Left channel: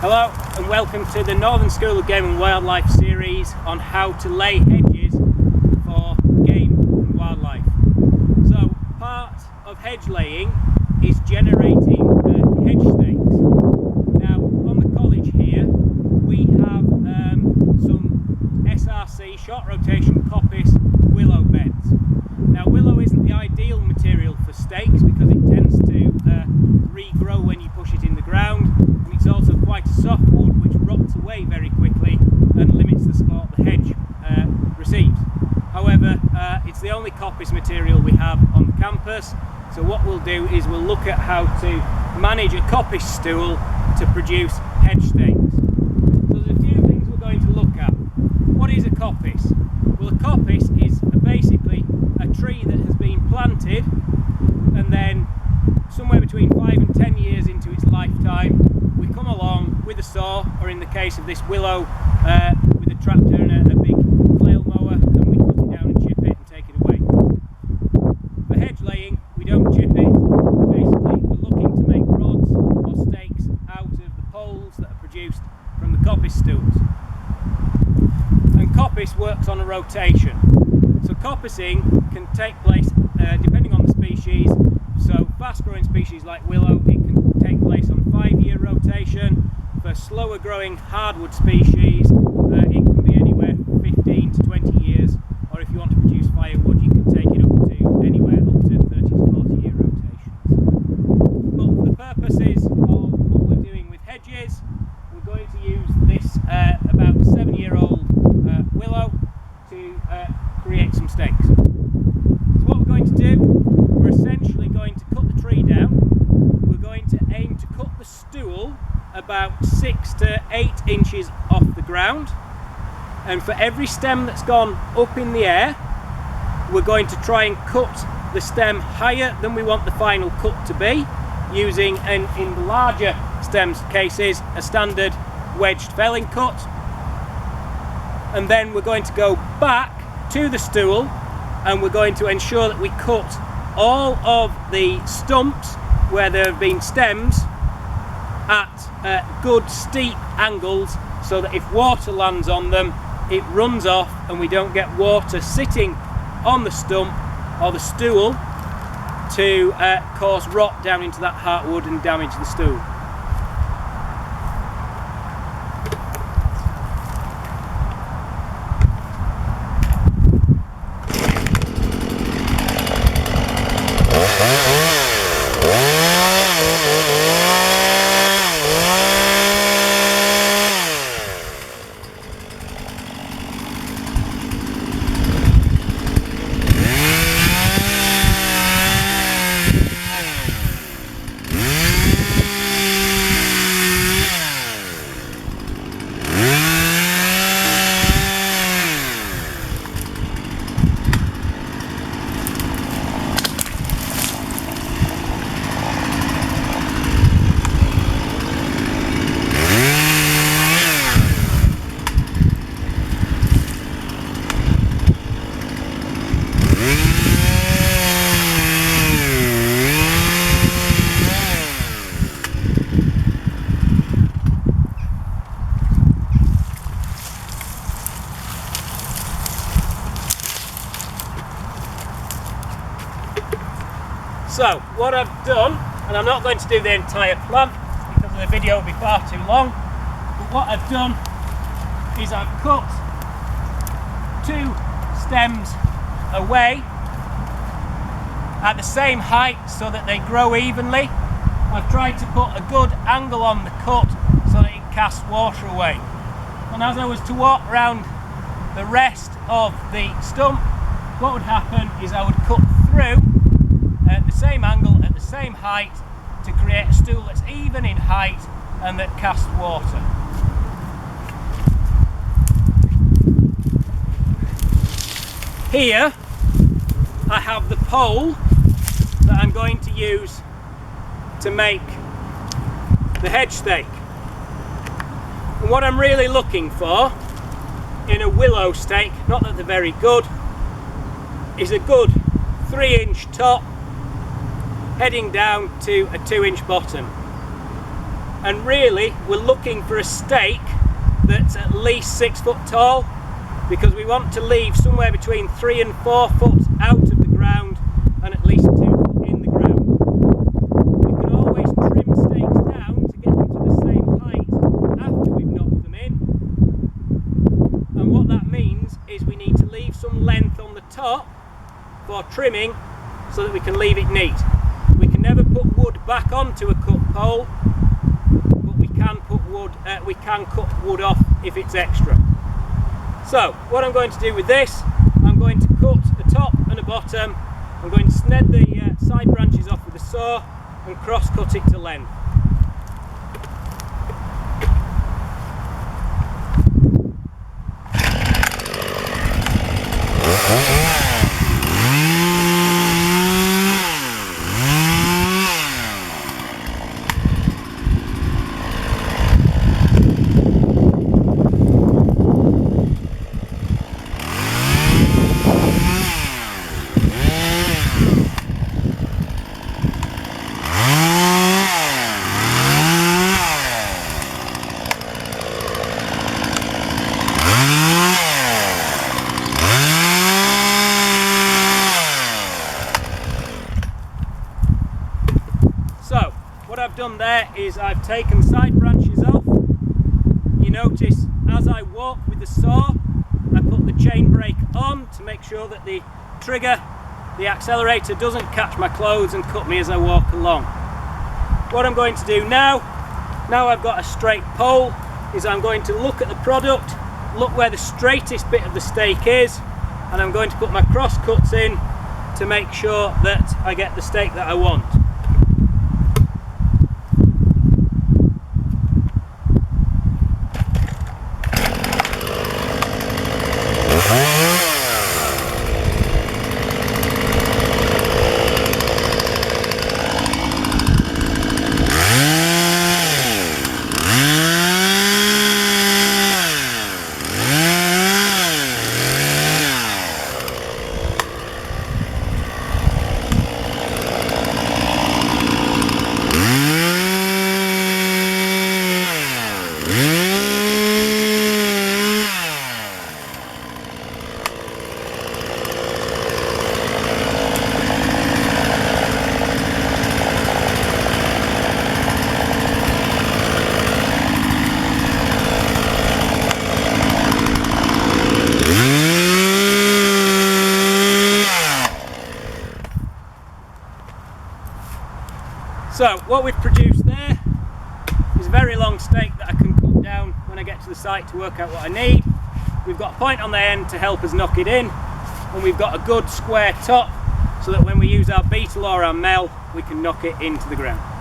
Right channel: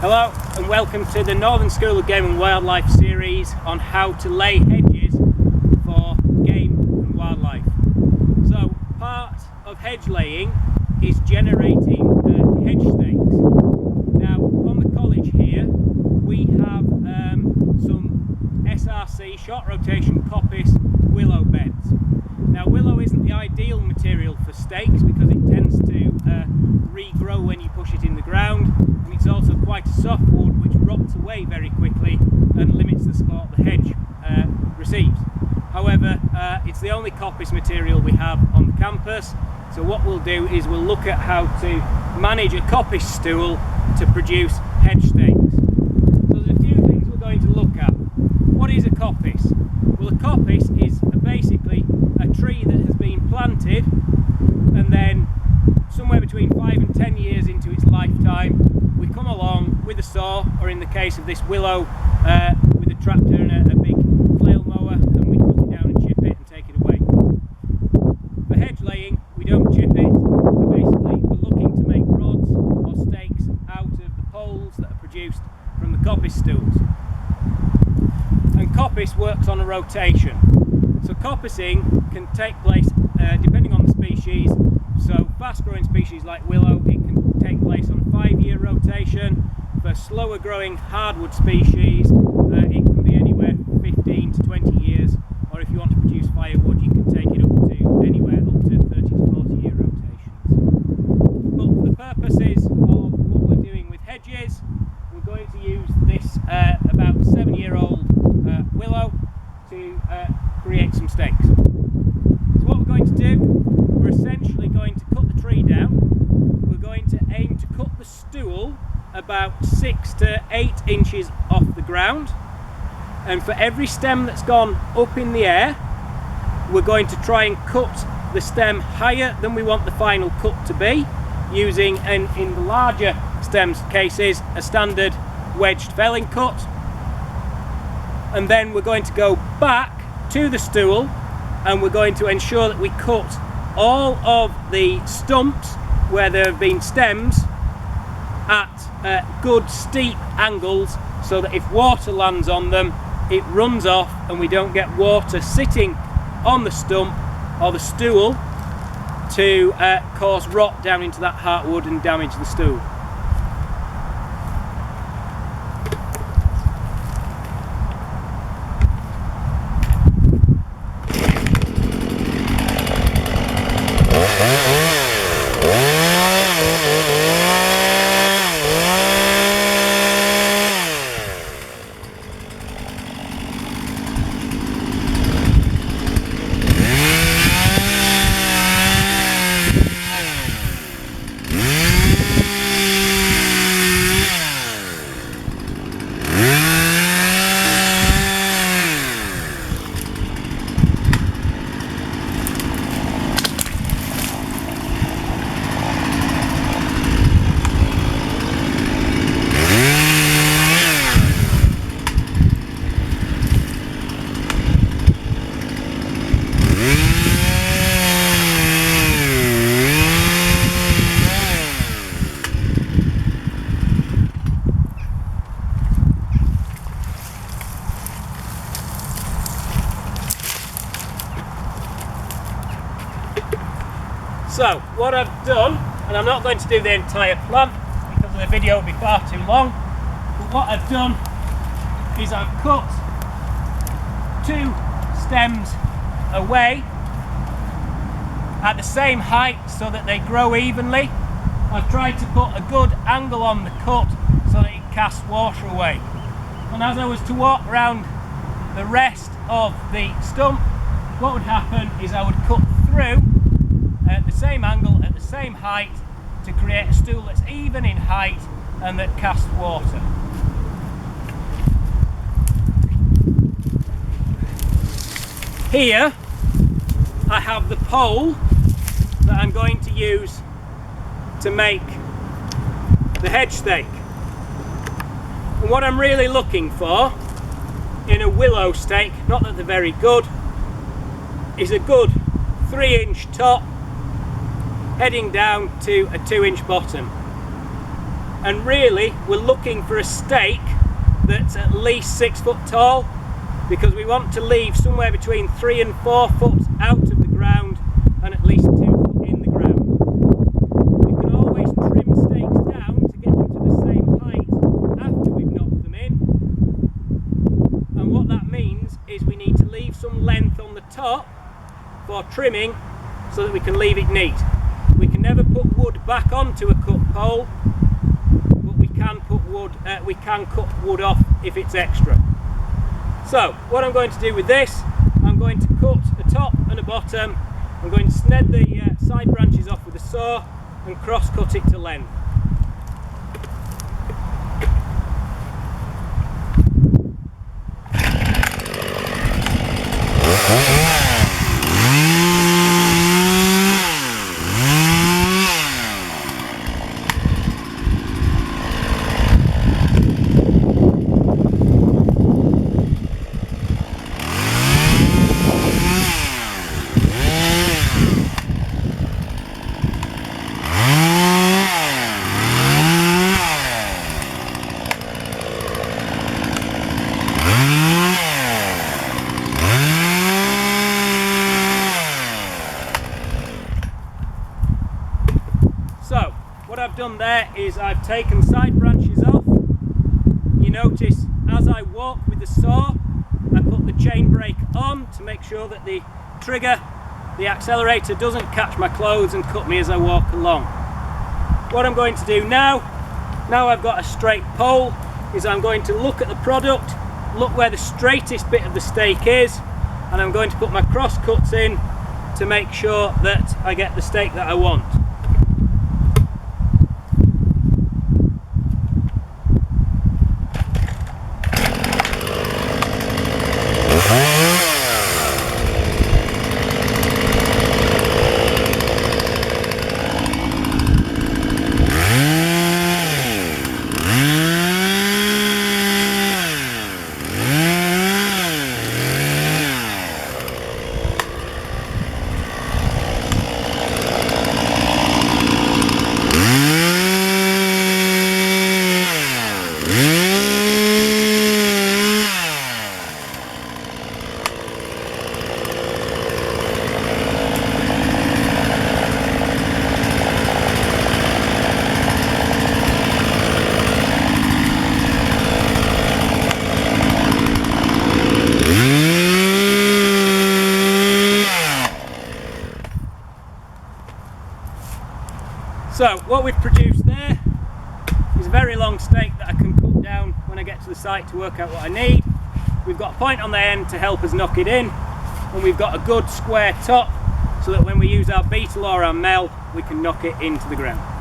Hello and welcome to the Northern School of Game and Wildlife series on how to lay hedges for game and wildlife. So part of hedge laying is generating hedge stakes. Now on the college here we have some SRC, short rotation coppice willow beds. Now willow isn't the ideal material for stakes because it tends to regrow when you push it in the ground, and it's also quite a soft wood which rots away very quickly and limits the support the hedge receives. However, it's the only coppice material we have on the campus, so what we'll do is we'll look at how to manage a coppice stool to produce hedge stakes. So there's a few things we're going to look at. What is a coppice? Well, a coppice is basically a tree that has been planted and then somewhere between 5 and 10 years into its lifetime we come along with a saw, or in the case of this willow with a tractor and a big flail mower, and we cut it down and chip it and take it away. For hedge laying we don't chip it, we're looking to make rods or stakes out of the poles that are produced from the coppice stools. And coppice works on a rotation. So coppicing can take place depending on the species. So fast growing species like willow, it can take place on a 5-year rotation. For slower growing hardwood species, it can be anywhere 15 to 20 years. Or if you want to produce firewood, you can take it up to anywhere up to 30 to 40 year rotations. But for the purposes of what we're doing with hedges, we're going to use this about 7-year-old willow to create some stakes. So what we're going to do, we're essentially going to cut the tree down. We're going to aim to cut the stool about 6 to 8 inches off the ground, and for every stem that's gone up in the air we're going to try and cut the stem higher than we want the final cut to be, using, in the larger stems cases, a standard wedged felling cut. And then we're going to go back to the stool and we're going to ensure that we cut all of the stumps where there have been stems at good steep angles, so that if water lands on them it runs off and we don't get water sitting on the stump or the stool to cause rot down into that heartwood and damage the stool. So what I've done, and I'm not going to do the entire plant because the video will be far too long, but what I've done is I've cut 2 stems away at the same height so that they grow evenly. I've tried to put a good angle on the cut so that it casts water away. And as I was to walk around the rest of the stump, what would happen is I would cut through at the same angle, at the same height, to create a stool that's even in height and that casts water. Here I have the pole that I'm going to use to make the hedge stake. And what I'm really looking for in a willow stake, not that they're very good, is a good 3-inch top heading down to a 2-inch bottom. And really we're looking for a stake that's at least 6 foot tall, because we want to leave somewhere between 3 and 4 foot out of the ground and at least 2 foot in the ground. We can always trim stakes down to get them to the same height after we've knocked them in, and what that means is we need to leave some length on the top for trimming so that we can leave it neat. We can never put wood back onto a cut pole, but we can put wood. We can cut wood off if it's extra. So what I'm going to do with this, I'm going to cut a top and a bottom. I'm going to sned the side branches off with a saw and cross cut it to length. So what I've done there is I've taken side branches off. You notice as I walk with the saw, I put the chain brake on to make sure that the trigger, the accelerator, doesn't catch my clothes and cut me as I walk along. What I'm going to do now I've got a straight pole, is I'm going to look at the product, look where the straightest bit of the stake is, and I'm going to put my cross cuts in to make sure that I get the stake that I want. So what we've produced there is a very long stake that I can cut down when I get to the site to work out what I need. We've got a point on the end to help us knock it in, and we've got a good square top so that when we use our beetle or our mel we can knock it into the ground.